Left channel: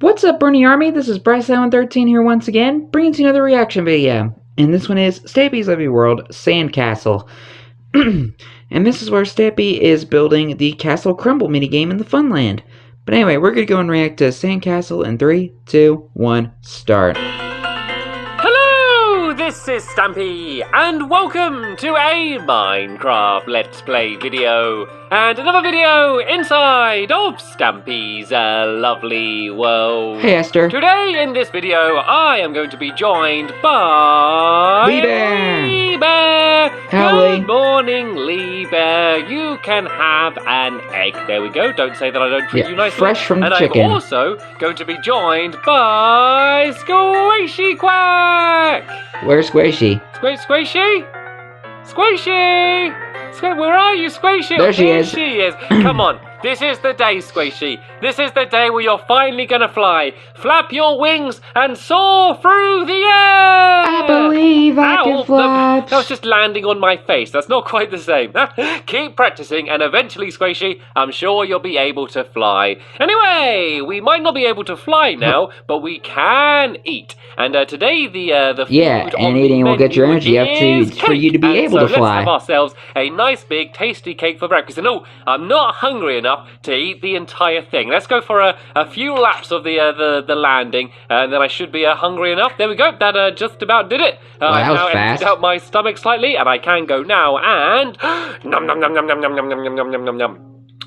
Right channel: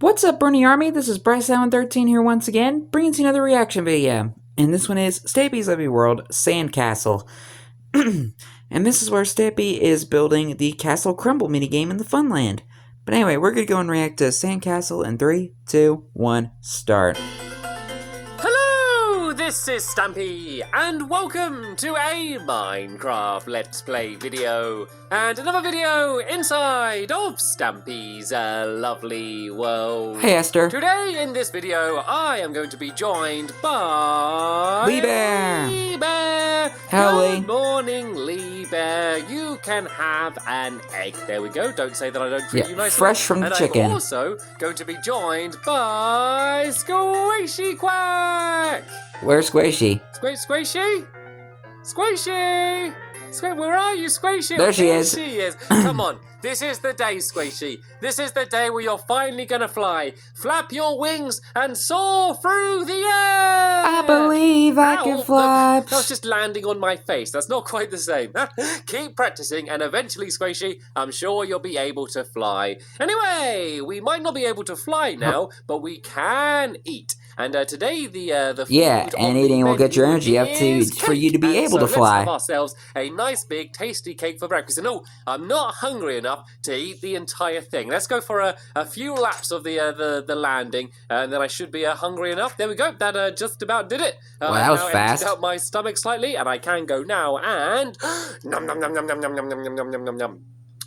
What's up, Bernie Army? This is BryceAllen13 here once again, bringing you another reaction video. And this one is Stampy's Lovely World Sandcastle. And this is where Stampy is building the Castle Crumble minigame in the Funland. But anyway, we're going to go and react to Sandcastle in 3, 2, 1, start. Hello, this is Stampy, and welcome to a Minecraft Let's Play video, and another video inside of Stampy's lovely world. Hey, Esther. Today in this video, I am going to be joined by... Lee Bear! Lee Bear! Howdy. Good morning, Lee Bear. You can have an egg. There we go. Don't say that I don't treat you nicely. Fresh from the chicken. And I'm also going to be joined by Squishy Quack! Where's Squishy? Squishy? Squishy! Where are you, Squishy? There she is. She is. Come on. This is the day, Squishy. This is the day where you're finally gonna fly. Flap your wings and soar through the air! I believe I can fly. That was just landing on my face. That's not quite the same. Keep practicing, and eventually, Squishy, I'm sure you'll be able to fly. Anyway, we might not be able to fly now, but we can eat. And today, the food Yeah, on and the eating will get your menu energy up is for you to be cake. able to So fly. let's have ourselves a nice big tasty cake for breakfast. And no, I'm not hungry enough to eat the entire thing. Let's go for a few laps of the landing, and then I should be hungry enough. There we go. That just about did it. I've that was now fast. emptied out my stomach slightly, and I can go now and nom nom nom nom nom nom nom nom nom nom nom nom.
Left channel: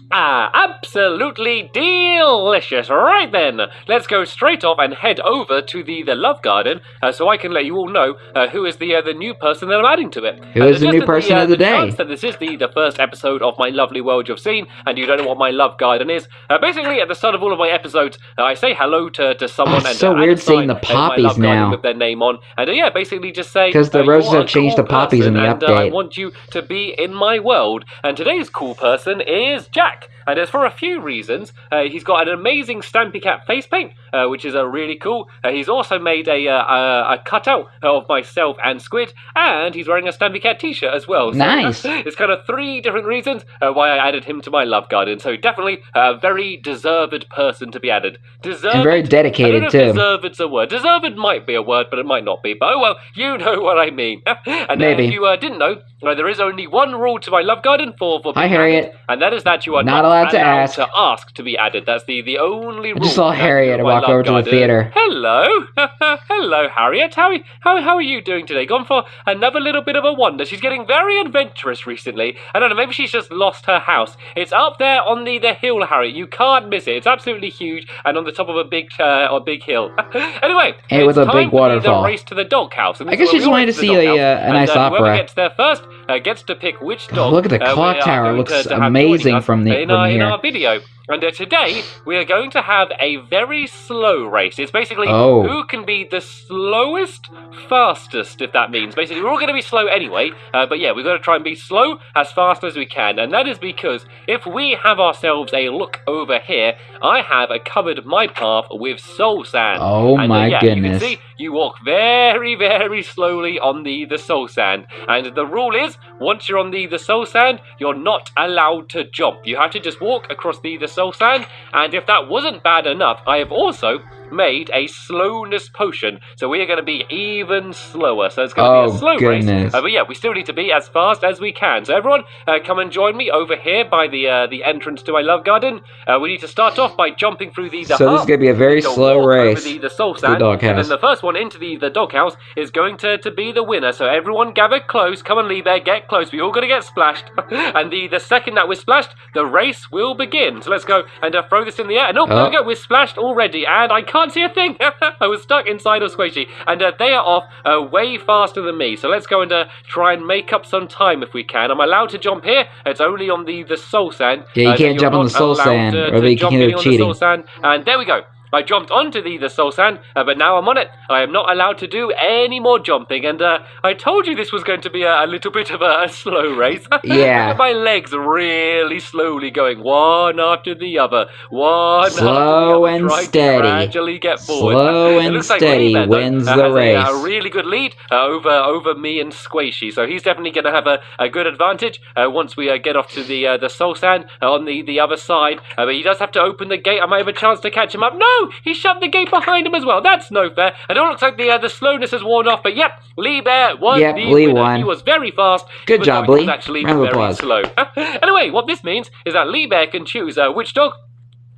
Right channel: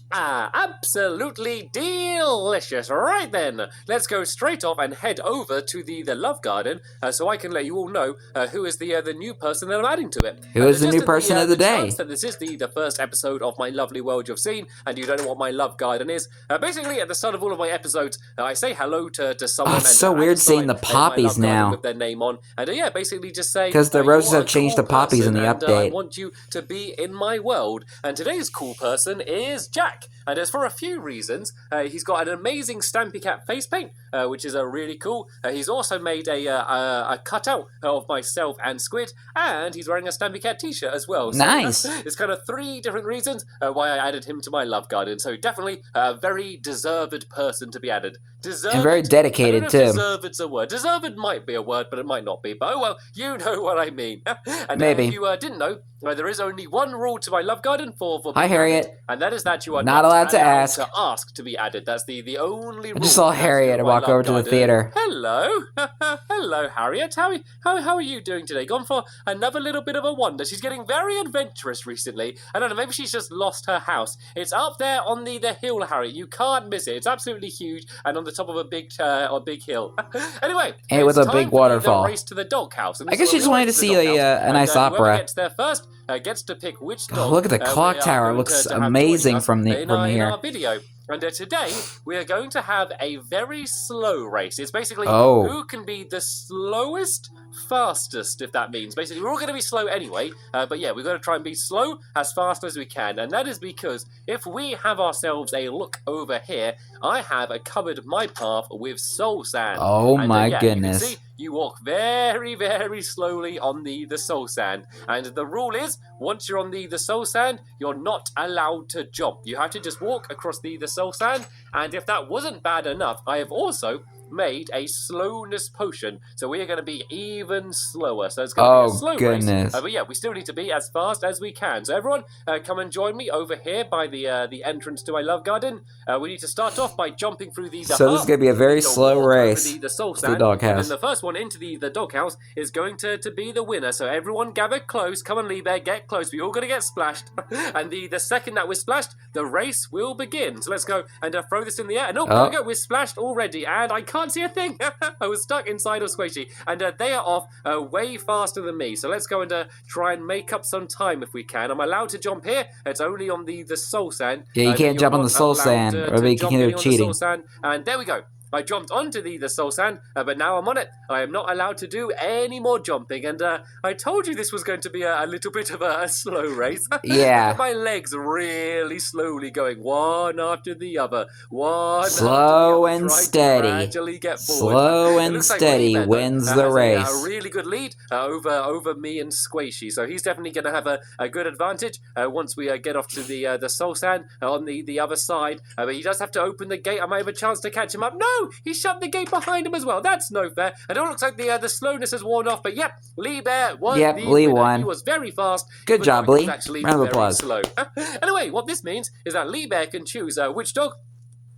Ah, absolutely delicious. Right then, let's go straight off and head over to the Love Garden, so I can let you all know who is the new person that I'm adding to it. Who is the new person of the day? Chance that this is the first episode of my lovely world you've seen, and you don't know what my Love Garden is. Basically, at the start of all of my episodes, I say hello to someone. Oh, it's so weird seeing the my poppies Love Garden now. with their name on, and yeah, basically just say Because the roses you're have a changed cool the poppies in the person, and, I update. want you to be in my world. And today's cool person is Jack. And as for a few reasons, he's got an amazing Stampy Cat face paint, which is really cool. He's also made a cutout of myself and Squid, and he's wearing a Stampy Cat t-shirt as well. So, Nice. It's kind of 3 different reasons why I added him to my Love Garden. So definitely a very deserved person to be added. Deserved. And very dedicated, I don't know too. if deserved's a word. Deserved might be a word, but it might not be. But oh well, you know what I mean. And Maybe. if you didn't know, there is only one rule to my Love Garden for Hi, being Harriet. added, and that is that you are Not allowed to ask. to be added. That's the only rule. I just saw to Harriet my walk Love over to the Garden. theater. Hello. Hello, Harriet. How are you doing today? Gone for another little bit of a wander. She's getting very adventurous recently. I don't know, maybe she's just lost her house. It's up there on the hill, Harriet. You can't miss it. It's absolutely huge and on the top of a big hill. Anyway, And with it's a time big for waterfall. the race to the doghouse. I guess she just wanted to see a nice opera. Whoever gets there first gets to pick which dog. look at the clock we are tower. It going looks to have amazing joining us from in here. our video. And today, we are going to have a very slow race. It's basically Oh. who can be the slowest, fastest, if that means. Basically, we're all going to be slow anyway, but yeah, we've got to try and be slow as fast as we can. And that is because if we have ourselves a look over here, I have covered my path with soul sand. Oh and, my yeah, goodness. You can see, you walk very, very slowly on the soul sand. And the rule is, once you're on the soul sand, you're not allowed to jump. You have to just walk across the soul sand. And if that wasn't bad enough, I have also made a slowness potion, so we are going to be even slower. So it's going to be a slow goodness. race. But yeah, we still need to be as fast as we can. So everyone, come and join me over here by the entrance to my Love Garden. We need to start off by jumping through the So this is going to be a very slow race. Over the soul to sand, the doghouse. and then the first one into the doghouse is going to be the winner. So everyone gather close. Come on, Lee Bear, get close. We're all going to get splashed. And the second that we're splashed, the race will begin. So let's go and throw this in the air. And there we go. We're splashed already, and I can't see a thing. I was stuck inside of Squishy, and they are off way faster than me. So let's go and try and make up some time if we can. I'm allowed to jump here. It's only on the soul sand. Yeah, you can't you're jump on not the soul allowed sand, to or you jump can any do on the cheating. soul sand. And there we go. I jumped onto the soul sand, but now I'm on it. I am not allowed to do any more jumping, and I told you this was going to be a little bit of a slow race. Yeah. Look at my legs really slowly going one after the other, one Slow after the other, and trying to steady. gradually get forward. Slow It and looks like steady Lee Bear, though, wins the has race. a really good lead over me and Squishy, so he's definitely going to have a good advantage once we get off to the soul sand on the other side. But he does have to open the gate. I might have a chance to catch him up. No, no! He shut the gate behind him as well. That's no fair. And it looks like the slowness has worn off. But yep, Lee Bear was the Lee winner. won. He was very fast. Good job, He was Lee. actually Round of very applause. slow. Anyway, what this means is that Lee Bear can choose which dog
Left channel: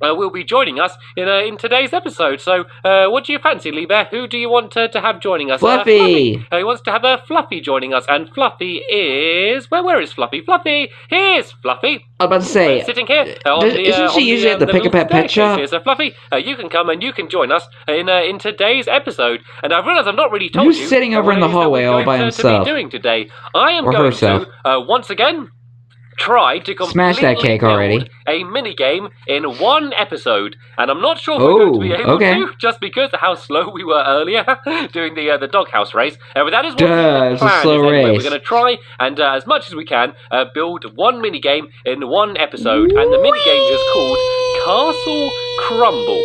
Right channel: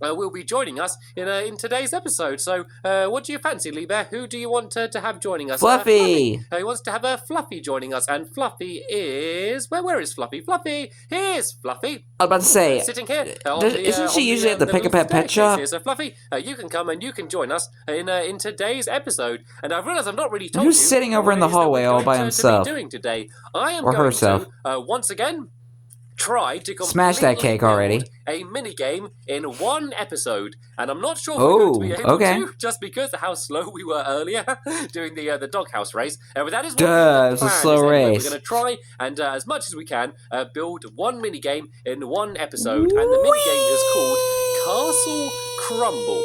will be joining us in today's episode. So, what do you fancy, Lee Bear? Who do you want to have joining us? Fluffy. He wants to have Fluffy joining us, and Fluffy is where is Fluffy? Fluffy, here's Fluffy. I was about to say, Sitting here on the isn't she usually at the Pick a little Pet Pet staircase Shop? here. So, Fluffy, you can come and you can join us in today's episode. And I've realised I've not really told you. Who's sitting over in the hallway all by himself? To be doing today? I am Or going herself. to once again try to Smash that completely cake already. build a mini game in one episode, and I'm not sure if we're going to be able to, just because of how slow we were earlier doing the doghouse race. But that is what the it's a plan slow is. Anyway, race. we're going to try and as much as we can build one mini game in one episode, and the mini game is called Castle Crumble.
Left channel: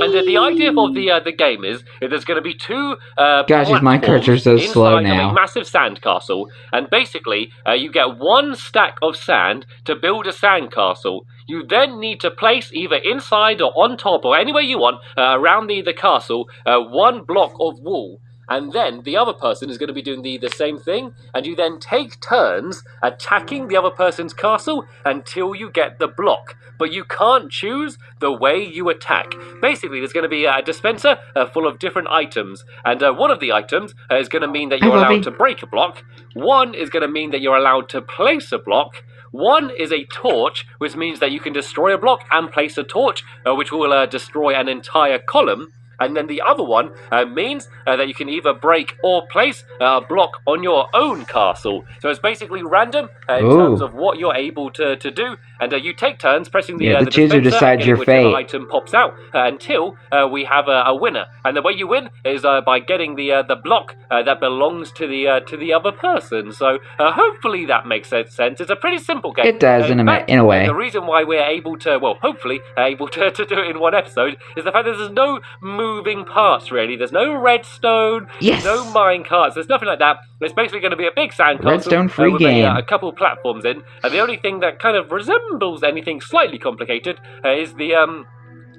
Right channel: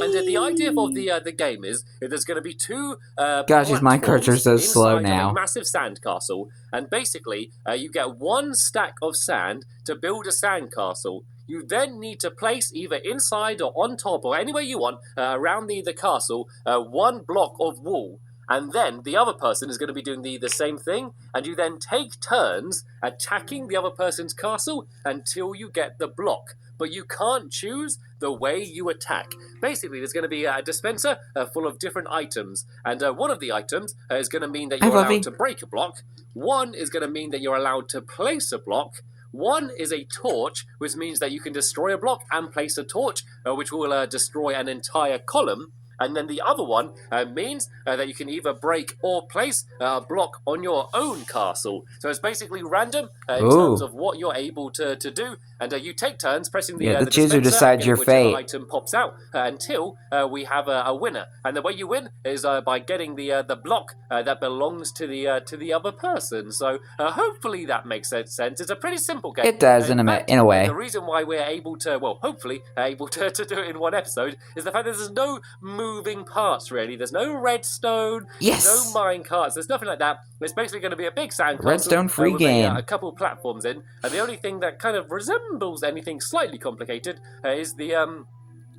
And the idea of the game is there's going to be two Gosh, these minecarts are so slow inside now. of a massive sand castle, and basically you get one stack of sand to build a sand castle. You then need to place either inside or on top or anywhere you want around the castle one block of wool. And then the other person is going to be doing the same thing, and you then take turns attacking the other person's castle until you get the block. But you can't choose the way you attack. Basically, there's going to be a dispenser full of different items, and one of the items is going to mean that you're allowed to break a block. One is going to mean that you're allowed to place a block. One is a torch, which means that you can destroy a block and place a torch, which will destroy an entire column. And then the other one means that you can either break or place a block on your own castle. So it's basically random in terms of what you're able to do. And you take turns pressing the chooser dispenser decides your whichever fate. item pops out until we have a winner. And the way you win is by getting the block that belongs to the other person. So hopefully that makes sense. It's a pretty simple game. It does in fact, a way. The reason why we're able to, hopefully able to do it in one episode is the fact that there's no moving parts, really. There's no redstone, no mine carts, there's nothing like that. It's basically going to be a big sandcastle Redstone-free with game. a couple platforms in. And the only thing that kind of resembles anything slightly complicated is the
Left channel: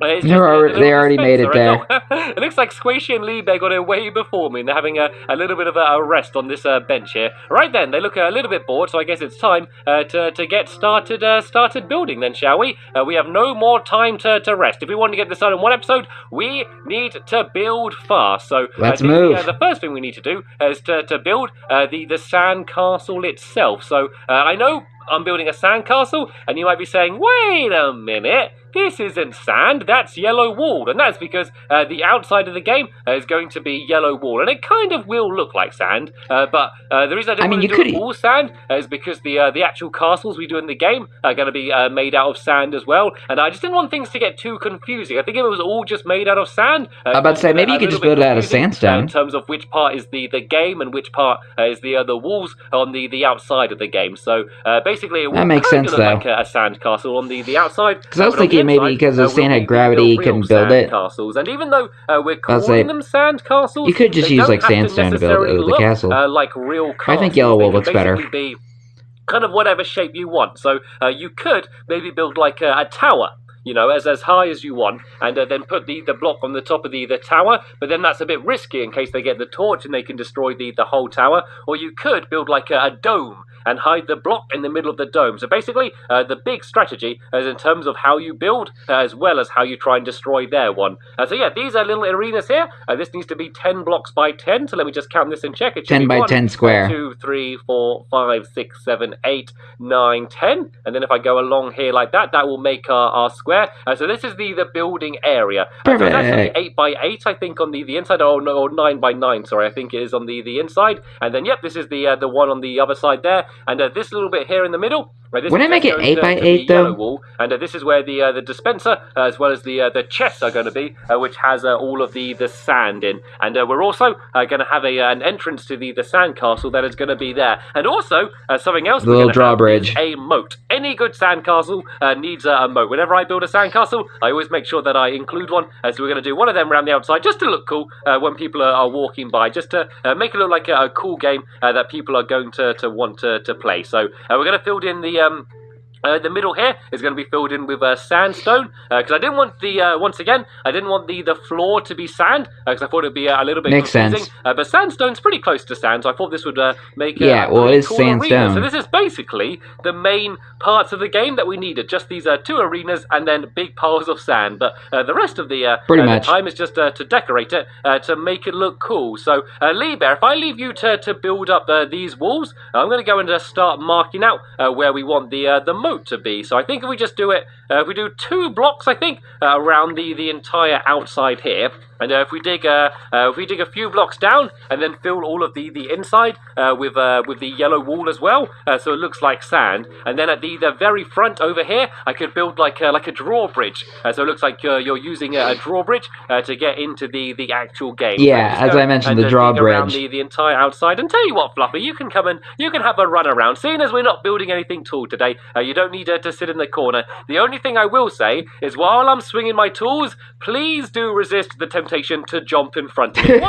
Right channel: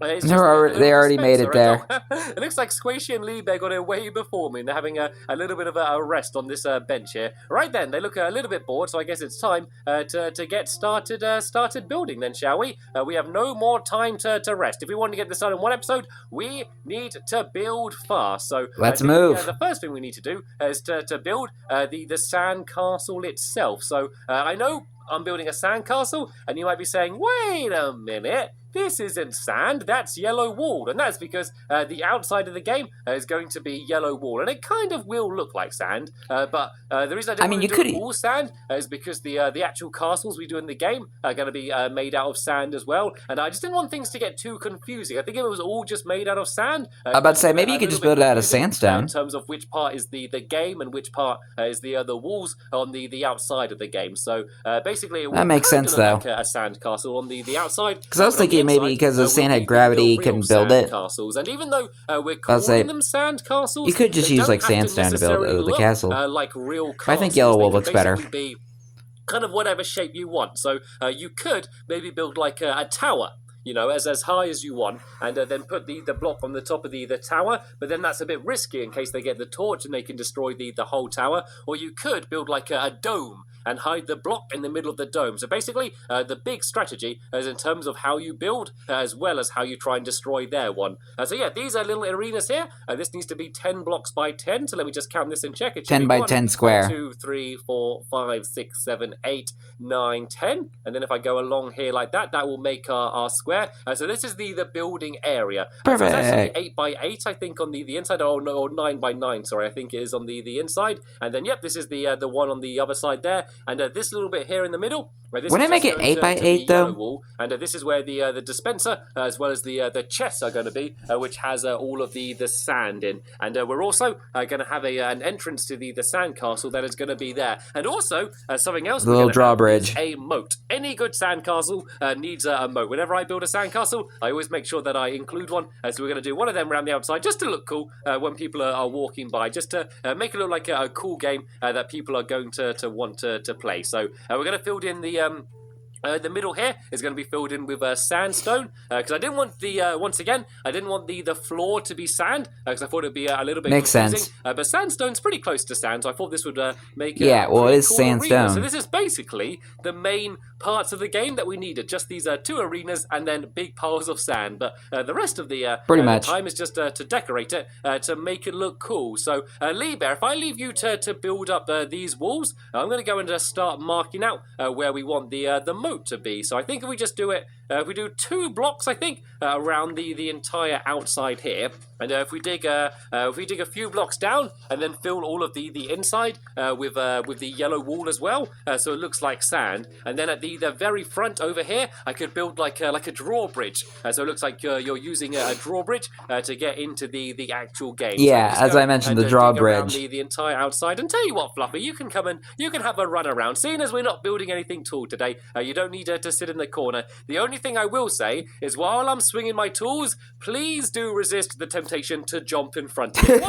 They already made it there. It looks like Squishy and Lee Bear got it way before me, and they're having a little bit of a rest on this bench here. Right then, they look a little bit bored, so I guess it's time to get started building then, shall we? We have no more time to rest. If we want to get this done in one episode, we need to build fast. So let's move. The first thing we need to do is to build the sand castle itself. So I know I'm building a sand castle, and you might be saying, wait a minute, this isn't sand, that's yellow wall. And that's because the outside of the game is going to be yellow wall, and it kind of will look like sand, but the reason I didn't want to do it all sand is because the actual castles we do in the game are going to be made out of sand as well, and I just didn't want things to get too confusing. I think if it was all just made out of sand, I'm about to say, maybe you could just build it out of sandstone. In terms of which part is the game and which part is the walls on the outside of the game. So basically it will makes sense, look like a sand castle on the outside. Because I was thinking maybe because the sand had gravity, you couldn't build it. Castles. And even though we're calling them sand castles, you could just use like sandstone to build the castle. Like real castles. I think yellow wool looks better. Be kind of whatever shape you want. So you could maybe build like a tower, you know, as high as you want, and then put the block on the top of the tower, but then that's a bit risky in case they get the torch and they can destroy the whole tower. Or you could build like a dome and hide the block in the middle of the dome. So basically, the big strategy is in terms of how you build, as well as how you try and destroy their one. So yeah, these are little arenas here. This needs to be 10 blocks by 10, so let me just count this and check. It should 10 be by 10 square. 2, 3, 4, 5, 6, 7, 8, 9, 10. And then if I go along here like that, that will make our square. So this is the building area. So it's actually 8 by 8, I think, on the inside. Oh no, or 9 by 9, sorry, I think it is on the inside. And then, yep, this is the one on the other side there. And this little bit here in the middle, this wouldn't it make it 8 by 8 though? Wall, and this is where the dispenser, as well as the chests are going to be, which has all of the sand in. And we're also going to have an entrance to the sand castle that is going to be there. And also something else, the little drawbridge, is a moat. Any good sand castle needs a moat. Whenever I build a sand castle, I always make sure that I include one. So we're going to do one of them around the outside, just to look cool when people are walking by, just to make it look like a cool game that people are going to want to play. So we're going to fill in The middle here is going to be filled in with sandstone because I didn't want the once again I didn't want the floor to be sand because I thought it'd be a little bit Makes confusing. sense. But sandstone's pretty close to sand, so I thought this would make Yeah, a well, it pretty is cool sandstone. arena. So this is basically the main parts of the game that we needed. Just these 2 arenas and then big piles of sand. But the rest of the Pretty much. time is just to decorate it to make it look cool. So Lee Bear, if I leave you to build up these walls, I'm going to go and start marking out where we want the moat to be. So I think if we just do it, if we do 2 blocks, I think, around the entire outside here, and if we dig a few blocks down and then fill all of the inside with the yellow wall as well, so it looks like sand, and then at the very front over here, I could build like a drawbridge, so it looks like you're using a drawbridge to get into the actual game. Yeah, so as I mentioned, the dig drawbridge. around the entire outside. And tell you what, Fluffy, you can come and you can have a run around. Seeing as we're not building anything tall today, you don't need to sit in the corner. The only thing I will say is while I'm swinging my tools, please do resist the temptation to jump in front of me.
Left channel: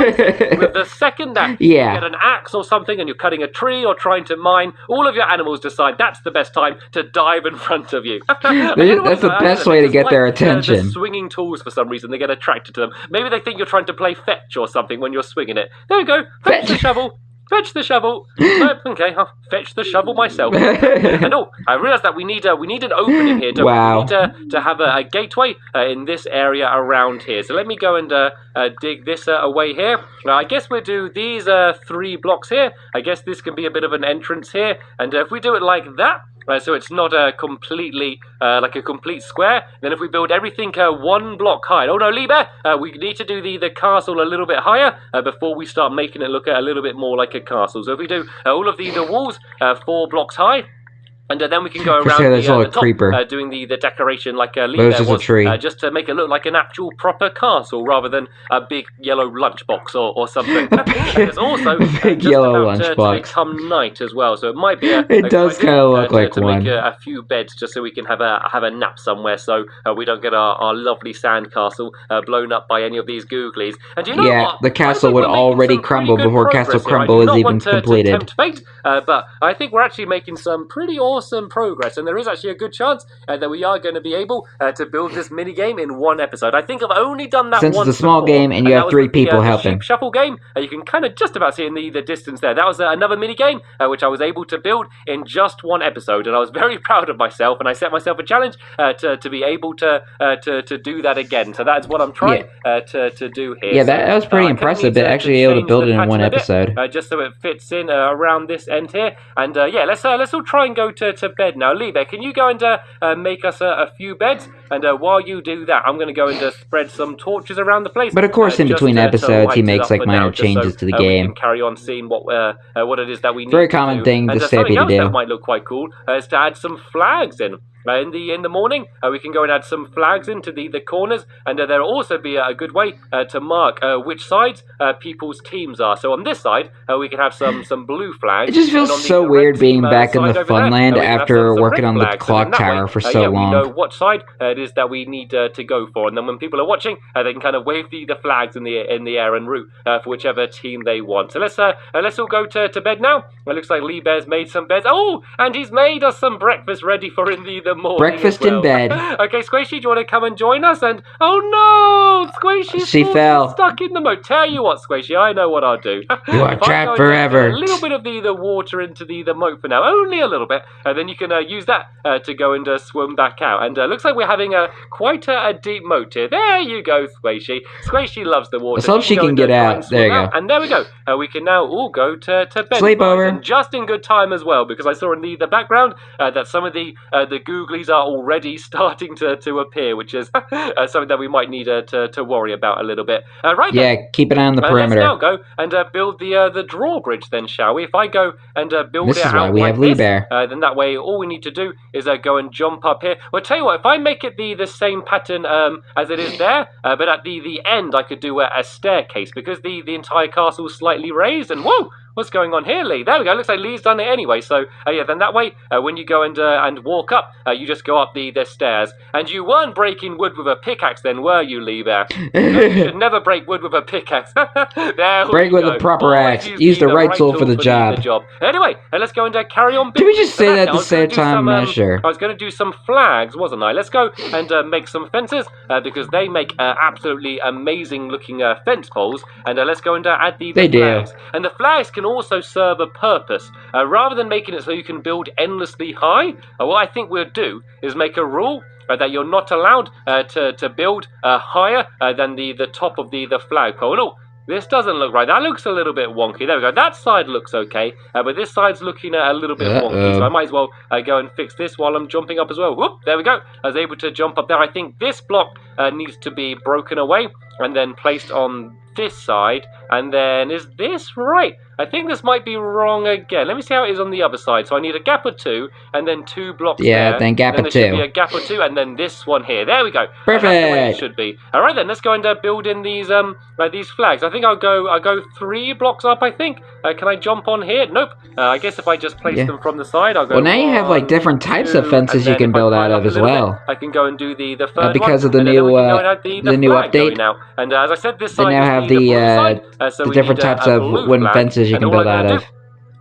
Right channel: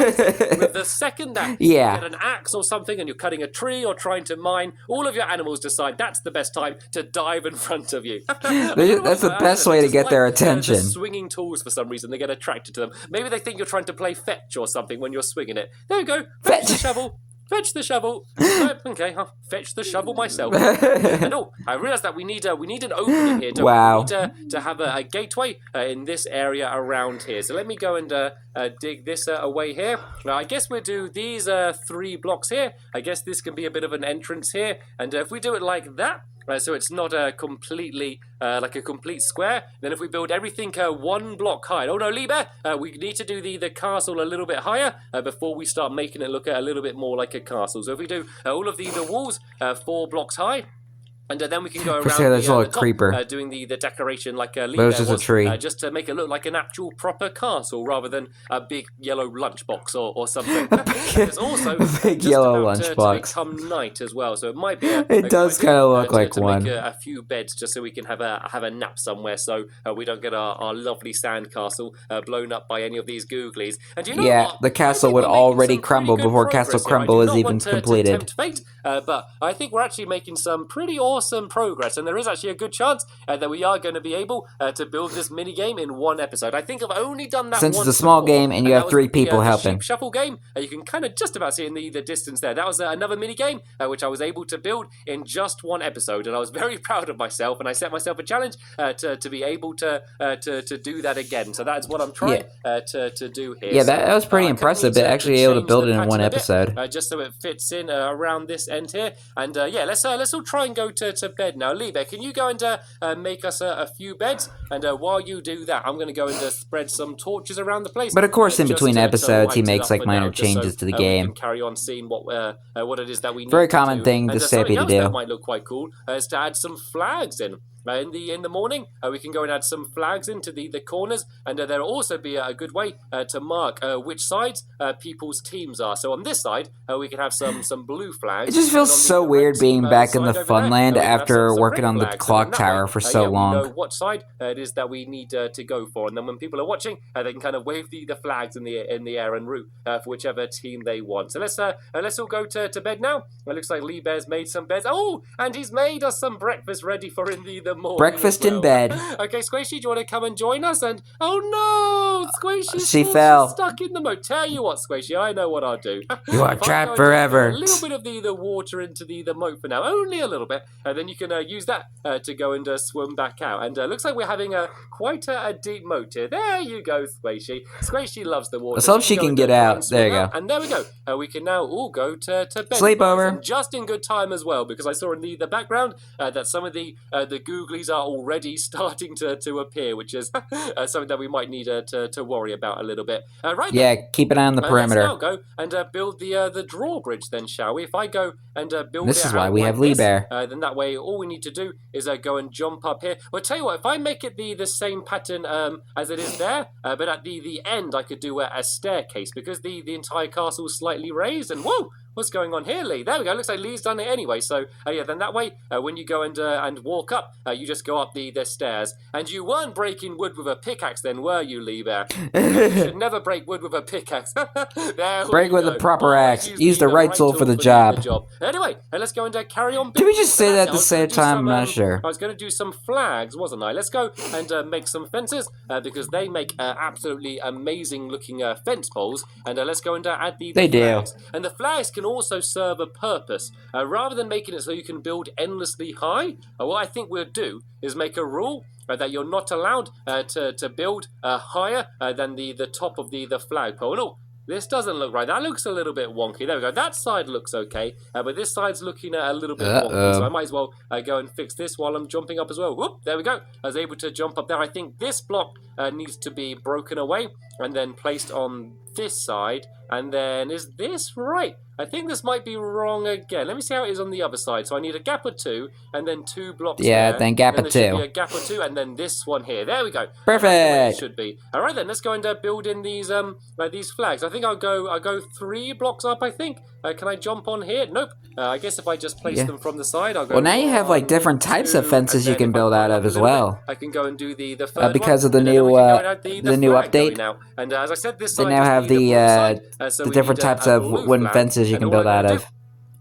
With the second that you get an axe or something and you're cutting a tree or trying to mine, all of your animals decide that's the best time to dive in front of you. That's the best way to get their attention. The swinging tools, for some reason, they get attracted to them. Maybe they think you're trying to play fetch or something when you're swinging it. There we go. Fetch the shovel. Fetch the shovel. Okay, I'll fetch the shovel myself. And I realised that we need an opening here. Wow. We need to have a gateway in this area around here. So let me go and dig this away here. I guess we'll do these 3 blocks here. I guess this can be a bit of an entrance here. And if we do it like that, so it's not completely like a complete square. Then if we build everything 1 block high. Oh no, Lee Bear, we need to do the castle a little bit higher before we start making it look a little bit more like a castle. So if we do all of the walls 4 blocks high, and then we can go around the top, creeper. Doing the decoration like Lee There's Bear just a was, tree. just to make it look like an actual proper castle rather than a big yellow lunchbox or something. And it's also big just yellow about to lunchbox. become night as well, so it might be It does kind of look like to one. make a few beds just so we can have a nap somewhere, so we don't get our lovely sand castle blown up by any of these googlies. And do you know what? The castle I think would we're making already some crumble pretty good before progress Castle here. I do Crumble not is even want to completed. tempt fate, but I think we're actually making some pretty awesome progress, and there is actually a good chance that we are going to be able to build this mini game in 1 episode. I think I've only done that Since once it's a small before, game and you that have was 3 with the people helping. Sheep Shuffle game. You can kind of just about see in the distance there. That was another mini game which I was able to build in just 1 episode, and I was very proud of myself. And I set myself a challenge to be able to do that again. So that is what I'm trying to do here. Yeah, that was pretty impressive. But actually able to build it in 1 episode. Just so it fits in around this end here. And let's all try and go to bed now. Lee Bear, can you go and make us a few beds? And while you do that, I'm going to go and spread some torches around the place. But of course, in between episodes, he makes like minor changes to the game. We can carry on seeing what it is that we need. Very to common do. thing And to something Stampy to else do. that might look quite cool is to add some flags in. In the morning, we can go and add some flags into the corners, and there'll also be a good way to mark which sides people's teams are. So on this side, we can have some blue flags. It just feels so weird being back in the Funland after working on the clock tower for so long. We know what side it is that we need to go for, and then when people are watching, they can kind of wave the flags in the air and root for whichever team they want. So let's all go to bed now. It looks like Lee Bear's made some beds. Oh, and he's made us some breakfast ready for in the morning. Breakfast as well. in bed. Okay, Squishy, do you want to come and join us? And oh no, Squishy, She fell. She's stuck in the moat. Tell you what, Squishy, I know what I'll do. You are If I trapped go and forever. get a little bit of the water into the moat for now, only a little bit, and then you can use that to go and swim back out. And looks like we're having quite a deep moat here. There you go, Squishy. Squishy loves the water. Let's hope she go can and get try out. and swim There you go. And there we go. We can now all go to bed. Sleepover. And just in good time as well, because I saw in the background that some of the googlies are already starting to appear, which is something that we might need to worry about a little bit. Right then. Yeah, keep an eye on the perimeter. Let's now go and build the drawbridge then, shall we? If I go and build This it is why out we like have Lee this, Bear. then that way all we need to do is go and jump up here. Well, tell you what, if I make it the same pattern as it is there, but at the end I could do a staircase, because the entire castle is slightly raised, and whoa! what's going on here, Lee? There we go. Looks like Lee's done it anyway. So yeah, then that way, when you go and walk up, you just go up the stairs. And you weren't breaking wood with a pickaxe, then, were you, Lee Bear? You should never break wood with a pickaxe. Break with a proper axe. Use the right tool for the job. Anyway, let's go and carry on. Did we just say that at the same time? I'm not sure. I was going to do some flags, wasn't I? Let's go and make some fences because they make absolutely amazing looking fence poles. And let's go and add the flags. And the flags can also serve a purpose. Rather than making it so you can build endlessly high, what I think we'll do is make a rule that you're not allowed to build higher than the top of the flagpole. Oh, this doesn't look right. That looks a little bit wonky. There we go. That side looks okay, but this side's looking a little bit wonky. So I might as well go and fix this while I'm jumping up as well. Whoop, there we go. I was able to jump up there. I think this block needs to be broken away and then placed on this side. And then, is this right? I think this might be wrong again. Let me see how it is on the other side. So I need a gap of 2, and then 2 blocks there. Yeah, then gap of 2. There should be a gap of 2, and then this one here. There we go. Perfect. That's the way it should be. All right then, let's go and build in these flags. I think I'll go 3 blocks up. I think. Can I jump on here? Nope. I guess if I just place them from the side, I'll go. Well, now you have like different types of fences you can build out of as well. I can go and do the third because one, of the new the new update. Now. And as I said, this They side now have the different types of wooden fences you can build out of.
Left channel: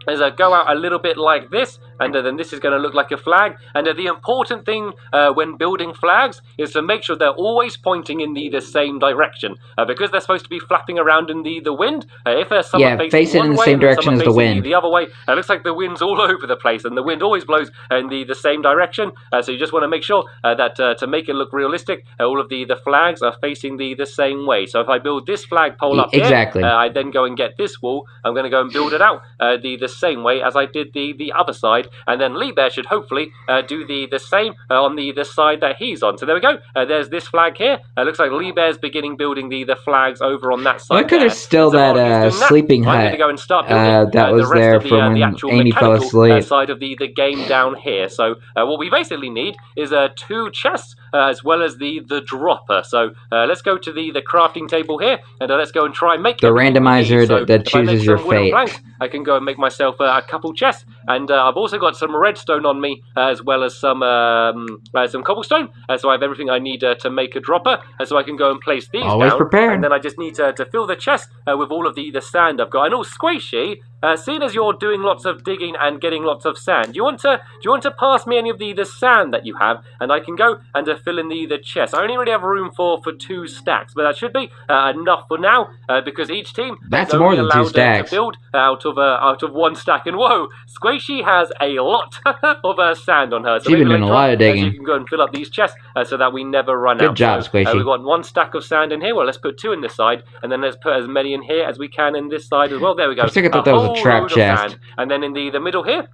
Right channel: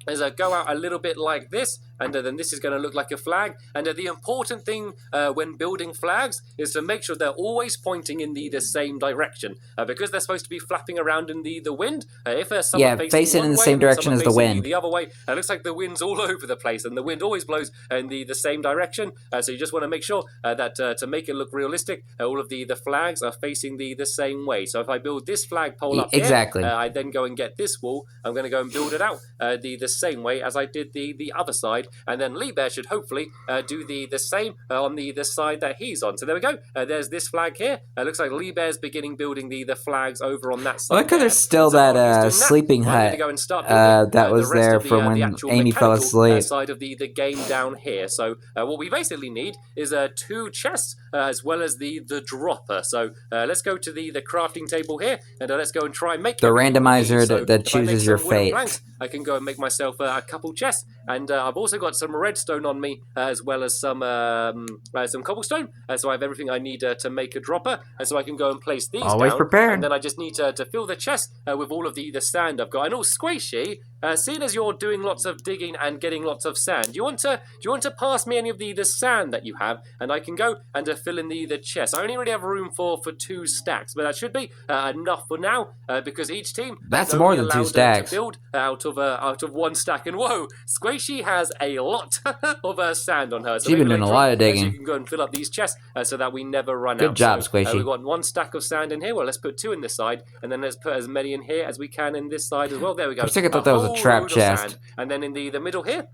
Is go out a little bit like this, and then this is going to look like a flag. And the important thing when building flags is to make sure they're always pointing in the same direction, because they're supposed to be flapping around in the wind. If there's someone facing in the same direction as the wind. The other way, it looks like the wind's all over the place, and the wind always blows in the same direction. So you just want to make sure that to make it look realistic, all of the flags are facing the same way. So if I build this flagpole up here, I then go and get this wall. I'm going to go and build it out the same way as I did the other side, and then Lee Bear should hopefully do the same on the side that he's on. So there we go. There's this flag here. Looks like Lee Bear's beginning building the flags over on that side. Look, there's still that sleeping hut I'm going to go and start building that was the there rest from of the when actual Amy fell asleep. Side of the game down here. So what we basically need is 2 chests as well as the dropper. So let's go to the crafting table here, and let's go and try and make the randomizer that chooses your fate. Planks, I can go and make myself a couple chests, and I've also got some redstone on me as well as some cobblestone. So I have everything I need to make a dropper, so I can go and place these Always down. prepared. And then I just need to fill the chest with all of the sand I've got. And Squishy, seeing as you're doing lots of digging and getting lots of sand, do you want to pass me any of the sand that you have, and I can go and fill in the chest. I only really have room for 2 stacks, but that should be enough for now, because each team that's is more only than 2 allowed stacks to build out of 1 stack. And whoa, Squishy has a lot of sand on her. So she's been doing a lot of digging. So you can go and fill up these chests so that we never run out. Good job, Squishy. We've got 1 stack of sand in here. Well, let's put 2 in this side, and then let's put as many in here as we can in this side as well. There we go. I think I thought that was a trap chest. And then in the middle here,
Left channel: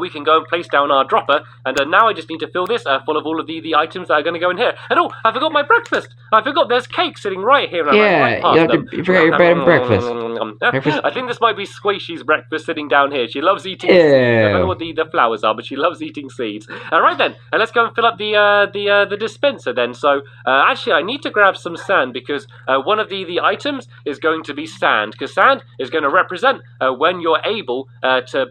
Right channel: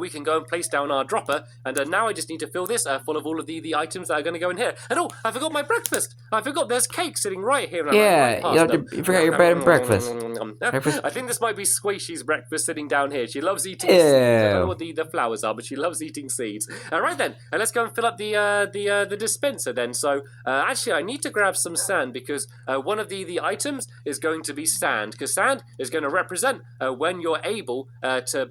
we can go and place down our dropper, and now I just need to fill this full of all of the items that are going to go in here. And I forgot my breakfast. I forgot there's cake sitting right here. You forgot your bed and breakfast. I think this might be Squishy's breakfast sitting down here. She loves eating seeds. I don't know what the flowers are, but she loves eating seeds. All right then, let's go and fill up the dispenser then. So actually, I need to grab some sand because one of the items is going to be sand, because sand is going to represent when you're able to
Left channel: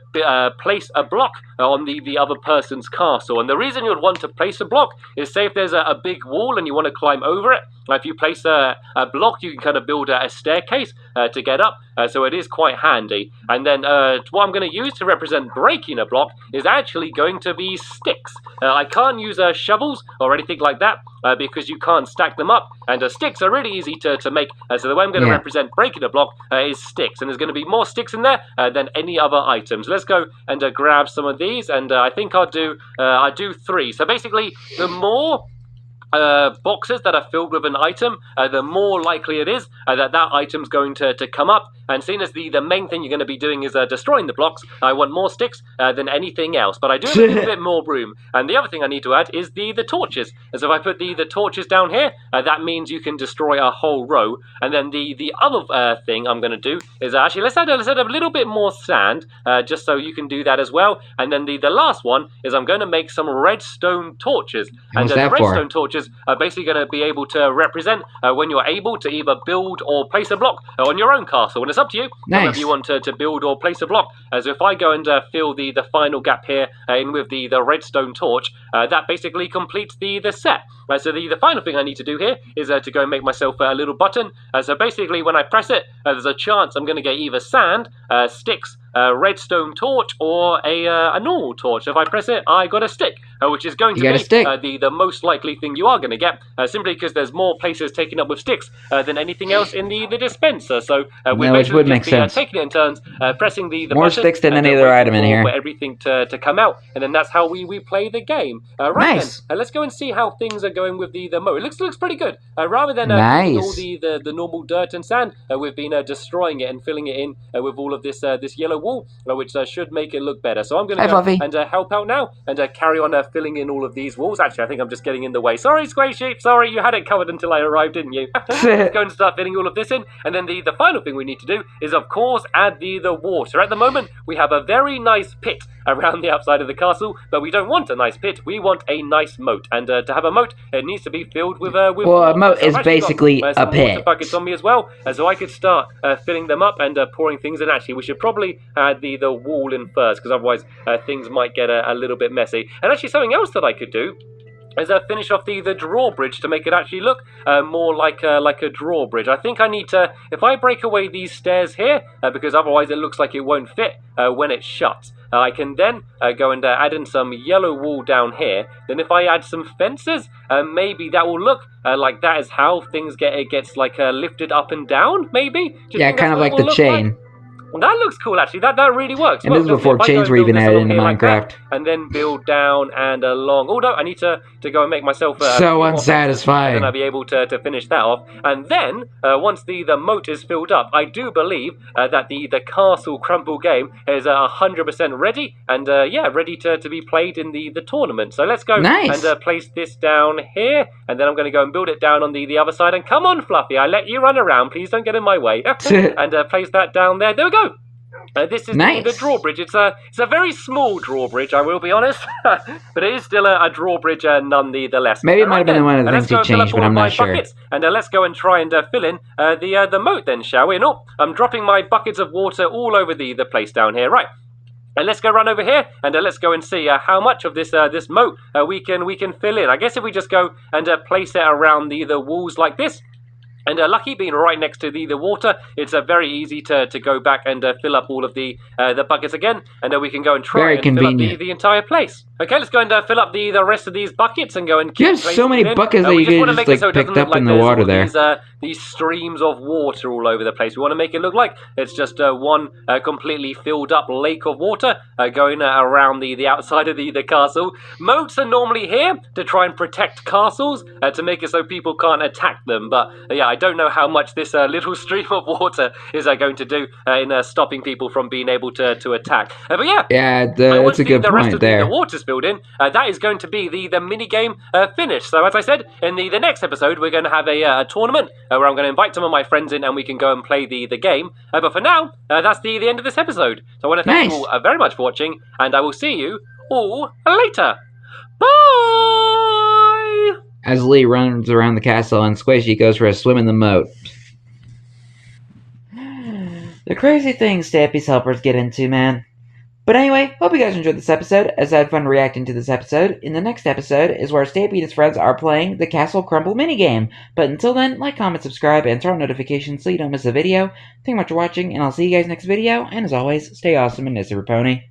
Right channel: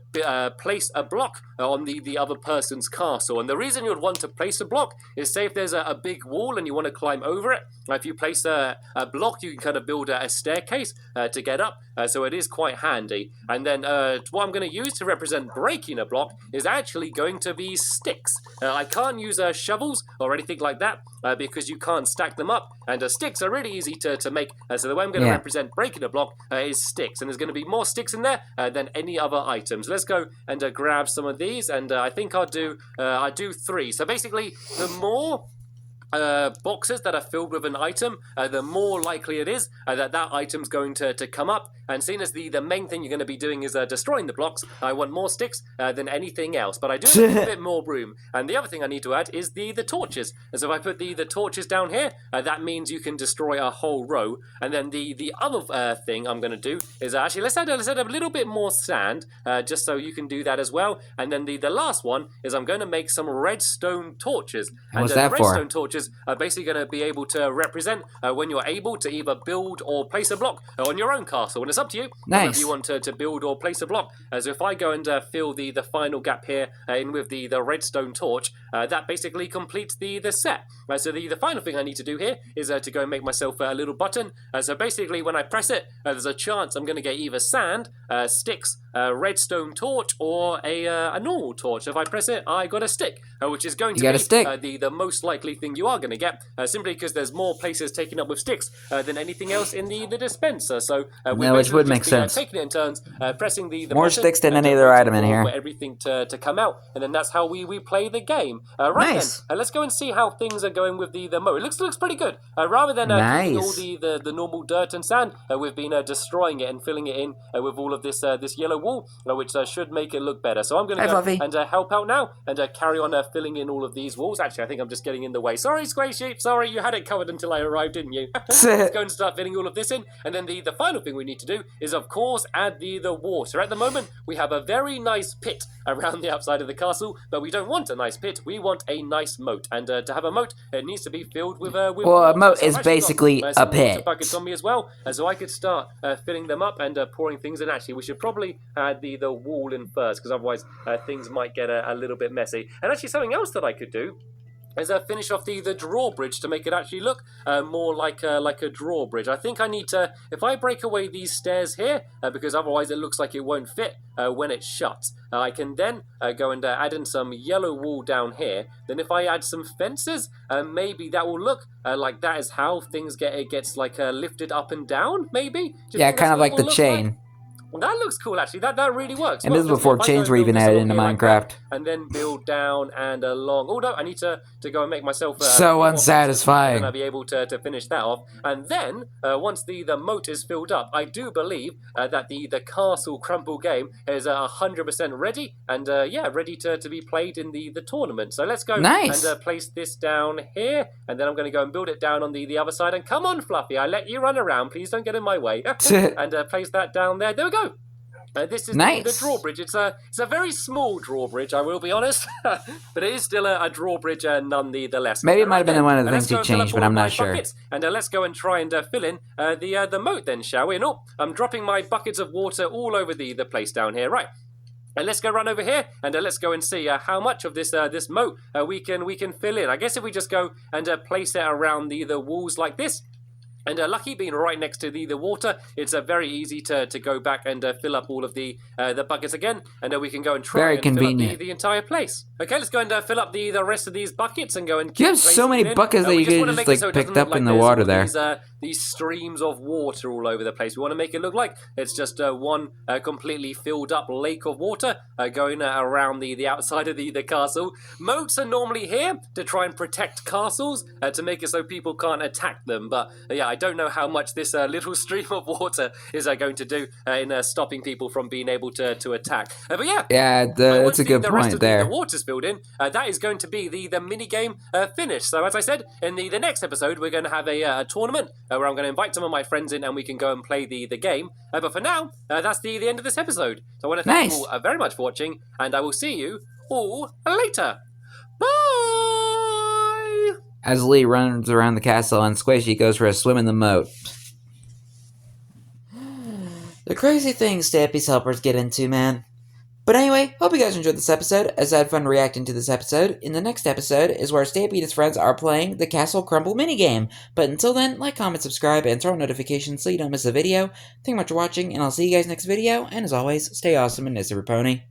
place a block on the other person's castle. And the reason you'd want to place a block is, say if there's a big wall and you want to climb over it, if you place a block, you can kind of build a staircase to get up, so it is quite handy. And then what I'm going to use to represent breaking a block is actually going to be sticks. I can't use shovels or anything like that because you can't stack them up, and sticks are really easy to make. So the way I'm going to represent breaking a block is sticks, and there's going to be more sticks in there than any other items. Let's go and grab some of these, and I think I'll do 3. So basically, the more boxes that are filled with an item, the more likely it is that item's going to come up. And seeing as the main thing you're going to be doing is destroying the blocks, I want more sticks than anything else. But I do have a little bit more room. And the other thing I need to add is the torches. And so if I put the torches down here, that means you can destroy a whole row. And then the other thing I'm going to do is actually let's add a little bit more sand, just so you can do that as well. And then the last one is I'm going to make some redstone torches. And the redstone torches is basically going to be able to represent when you're able to either build or place a block on your own castle. And it's up to you whether you want to build or place a block. So if I go and fill the final gap here in with the redstone torch, that basically completes the set. So the final thing I need to do here is to go and make myself a little button. So basically when I press it, there's a chance I'm going to get either sand, sticks, a redstone torch, or a normal torch. If I press it, I got a stick, which is going to be the most likely thing you are going to get, simply because there's more places taken up with sticks than anything else in the dispenser. So we're basically just taking it in turns, pressing the more button, sticks than any other item in here. For everything to come out, and then that's how we play the game. Right then, let's go and see how things are going with the moat. It looks pretty good. Rather than all the normal dirt and sand, we've been destroying it and filling it in with all of this yellow wall, which should make it look better. So I'm going to go and help out now and carry on filling in all of these walls. Actually, I think I'm just getting in the way. Sorry, Square Sheep. Sorry, you had it covered until I arrived, didn't you? Let's go and start filling all of this in. And then the final thing we need to do is, of course, add the water. At the moment, we have a very nice pit around the outside of the castle, but we don't want a nice pit. We want a nice moat. And to have a moat, it needs to be filled with water. Well, a moat is basically a pit. Water buckets on me as well, so I could start filling them up and pouring things in. Actually, we should probably add the wall in first, because otherwise things might get a little bit messy. And actually, something else that I could do is finish off the drawbridge to make it actually look more like a drawbridge. I think I need to, if I break away these stairs here, because otherwise it looks like it won't fit when it shuts. I can then go and add in some yellow wool down here. Then if I add some fences, maybe that will look like that is how things gets like lifted up and down, maybe? Yeah, kind of like the chain. Well, that looks cool, actually. That really works. And this is before chains were even added into Minecraft. And then build down and along. Oh, no, I need to go and make myself... so unsatisfying. And I'll be able to finish that off. And then, once the moat is filled up, I do believe that the Castle Crumble game is 100% ready. And, ready to be played in the tournament. So let's go and place this down here. And then I'm going to go and build it down on the other side. And come on, Fluffy, I let you run around. Please don't get in my way. And place that down there. There we go. This is the drawbridge. It's a very small drawbridge, I will be honest, but it is still a drawbridge nonetheless. Maybe it might have been one of the things he changed, but I'm not sure. And let's go and try and fill in the moat then, shall we? No, I'm dropping my buckets of water all over the place down here. Right. And let's go run over here and let's go and see how much of this moat we can fill in. I guess if we just go and place it around the walls like this. And lucky being right next to the water, it's very easy to go back and fill up all of the buckets again, and we can go and try and fill up the entire place. Okay, let's go and fill up the rest of these buckets and go and keep placing it in. You have so many buckets that you can just like picked up in the water there. These streams of water all over the place. We want to make it look like it's just one completely filled up lake of water going around the outside of the castle. Moats are normally here to try and protect castles, to make it so people can't attack them. But yeah, I don't know how much this little stream of water is going to do in stopping people from being able to attack. But yeah, that's a good point there. The water's filled in. That is going to be the mini game finished. So as I said, in the next episode, we're going to have a tournament where I'm going to invite some of my friends in and we can go and play the game. But for now, that's the end of this episode. So I want to thank you all very much for watching, and I will see you all later. Bye! As Lee runs around the castle and Squishy goes for a swim in the moat. The crazy things Stampy's helpers get into, man. But anyway, hope you guys enjoyed this episode, as I had fun reacting to this episode. In the next episode is where Stampy and his friends are playing the Castle Crumble minigame. But until then, like, comment, subscribe, and turn on notifications so you don't miss a video. Thank you much for watching, and I'll see you guys next video, and as always, stay awesome and nice, Pony.